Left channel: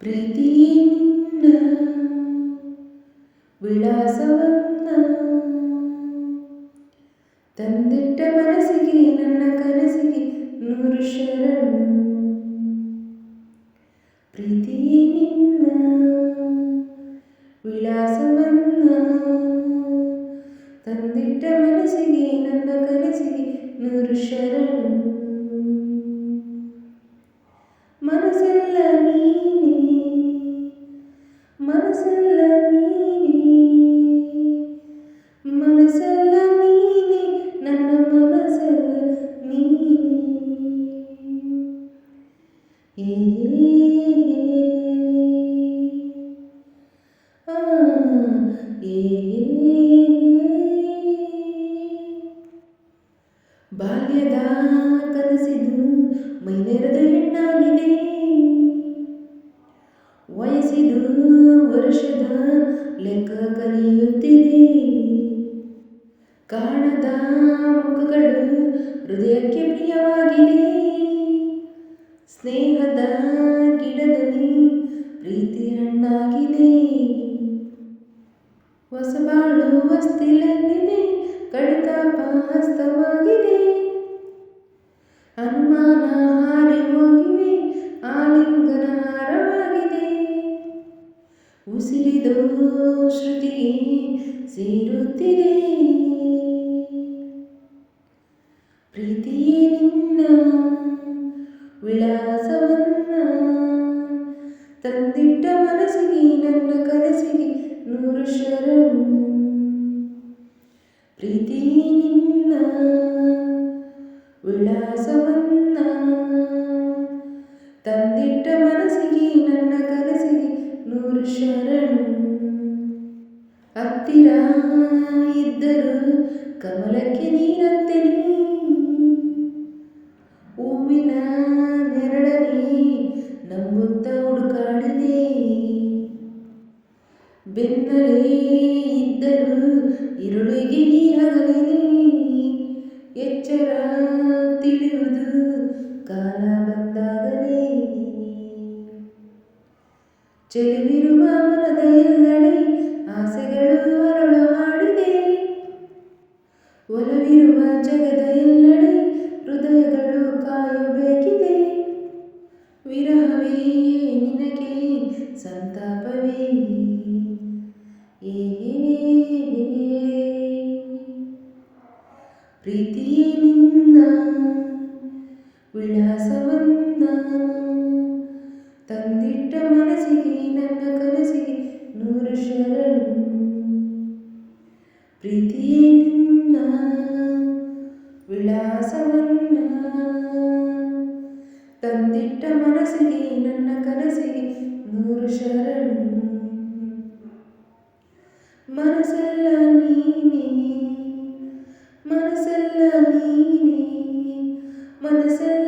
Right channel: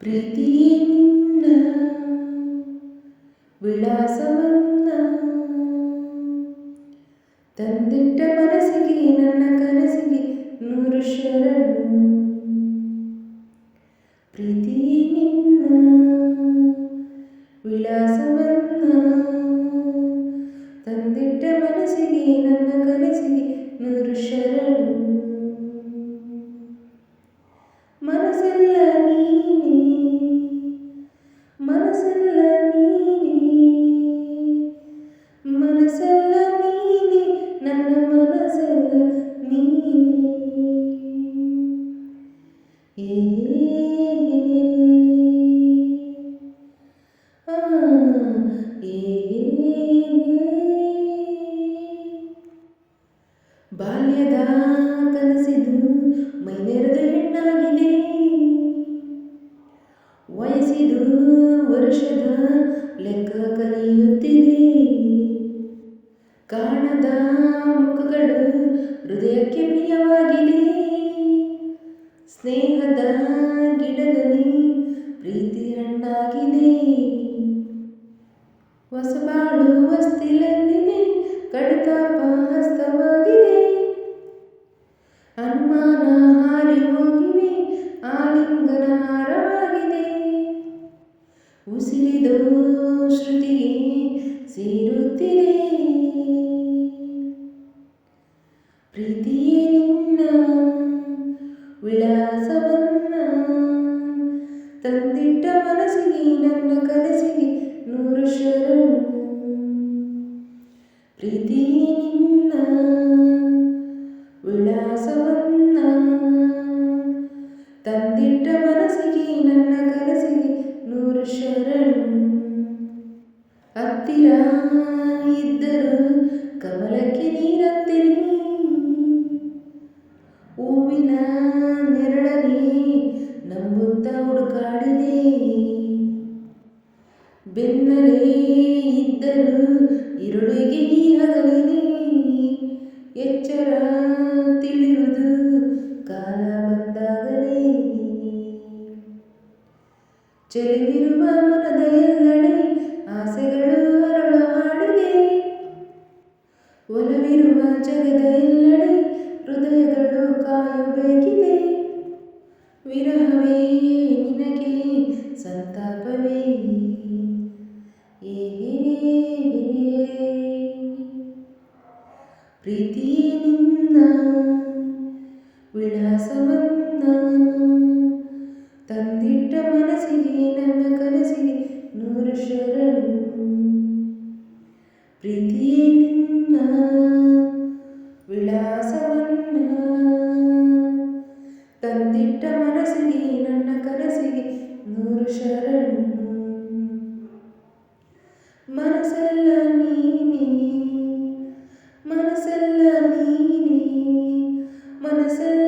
ಪ್ರೀತಿಯೇ ನಿನ್ನ ವಿಳಾಸವನ್ನ ತಂದಿಟ್ಟ ಮನಸ್ಸಿಗೆ ನನ್ನ ಕನಸಿಗೆ ನೂರು ಶರಣು. ಪ್ರೀತಿಯೇ ನಿನ್ನ ವಿಳಾಸವನ್ನ ತಂದಿಟ್ಟ ಮನಸ್ಸಿಗೆ ನನ್ನ ಕನಸಿಗೆ ನೂರು ಶರಣು. ಮನಸ್ಸೆಲ್ಲ ನೀನೇ, ಮನಸ್ಸೆಲ್ಲ ನೀನೇ, ಮನಸ್ಸೆಲ್ಲ ನೀನೇ, ನನ್ನ ಮನಸ್ಸೆಲ್ಲ ನೀನೇ. ಬಾಲ್ಯದ ಕನಸಿದು ಮೈನೆರೆದು ಹೆಣ್ಣಾಗಿದೆ, ವಯಸ್ಸಿದು ವರ್ಷದ ಲೆಕ್ಕ ಕಲಿಯುತ್ತಿದೆ. ಕಾಣದ ಮುಖಗಳು ಹೃದಯಕ್ಕೆ ಪ್ರಿಯವಾಗಿದೆ, ಸ್ನೇಹದ ಗಿಡದಲ್ಲಿ ಪ್ರೀತಿ ಹಣ್ಣಾಗಿದೆ. ಹೊಸಬಾಳು ಹೊಸ್ತಿಲಲ್ಲಿದೆ, ಕಡಿತಾಪ ಹಸ್ತವಾಗಿದೆ. ಅನುಮಾನ ಹಾರಿ ಹೋಗಿವೆ, ಆಲಿಂಗನ ಹಾರವಾಗಿದೆ. ಉಸಿರಿದು ಶ್ರುತಿಗೆ ಸೇರುತ್ತಿದೆ. ಪ್ರೀತಿಯೇ ನಿನ್ನ ವಿಳಾಸವನ್ನ ತಂದಿಟ್ಟ ಮನಸ್ಸಿಗೆ ನನ್ನ ಕನಸಿಗೆ ನೂರು ಶರಣು. ಪ್ರೀತಿಯೇ ನಿನ್ನ ವಿಳಾಸವನ್ನ ತಂದಿಟ್ಟ ಮನಸ್ಸಿಗೆ ನನ್ನ ಕನಸಿಗೆ ನೂರು ಶರಣು. ಹತ್ತಿರ ಇದ್ದರು ಕಮಲಕ್ಕೆ ನೀರಂತೆ ನೀ, ಹೂವಿನ ನೆರಳನೆ ನಂಬುತ್ತ ಹುಡುಕಾಡಿದೆ. ಬೆನ್ನಲೇ ಇದ್ದರು ഇരുಳಿಗೆ ಈ ಹಗಲಿನಿ, ಎಚ್ಚರ ತಿಳಿಯುವುದು ಕಾಲ ಬಂದಾಗಲೇ. ಚೆಲುವಿರುವ ಮನದ ಎಲ್ಲೆಡೆ ಆಸೆಗಳು ಅರಳು ಹಾಡಿದೆ, ಒಲವಿರುವ ಜಗದ ಎಲ್ಲೆಡೆ ಹೃದಯಗಳು ಕಾಯಬೇಕಿದೆ. ವಿರಹವೇ ನಿನಗೆ ಸಂತಾಪವೇ, ಪ್ರೀತಿಯೇ ನಿನ್ನ ವಿಳಾಸವನ್ನ ತಂದಿಟ್ಟ ಮನಸ್ಸಿಗೆ ನನ್ನ ಕನಸಿಗೆ ನೂರು ಶರಣು. ಪ್ರೀತಿಯೇ ನಿನ್ನ ವಿಳಾಸವನ್ನ ತಂದಿಟ್ಟ ಮನಸ್ಸಿಗೆ ನನ್ನ ಕನಸಿಗೆ ನೂರು ಶರಣು. ಮನಸ್ಸೆಲ್ಲ ನೀನೇ, ಮನಸ್ಸೆಲ್ಲ ನೀನೇ, ಮನಸ್ಸೆಲ್ಲ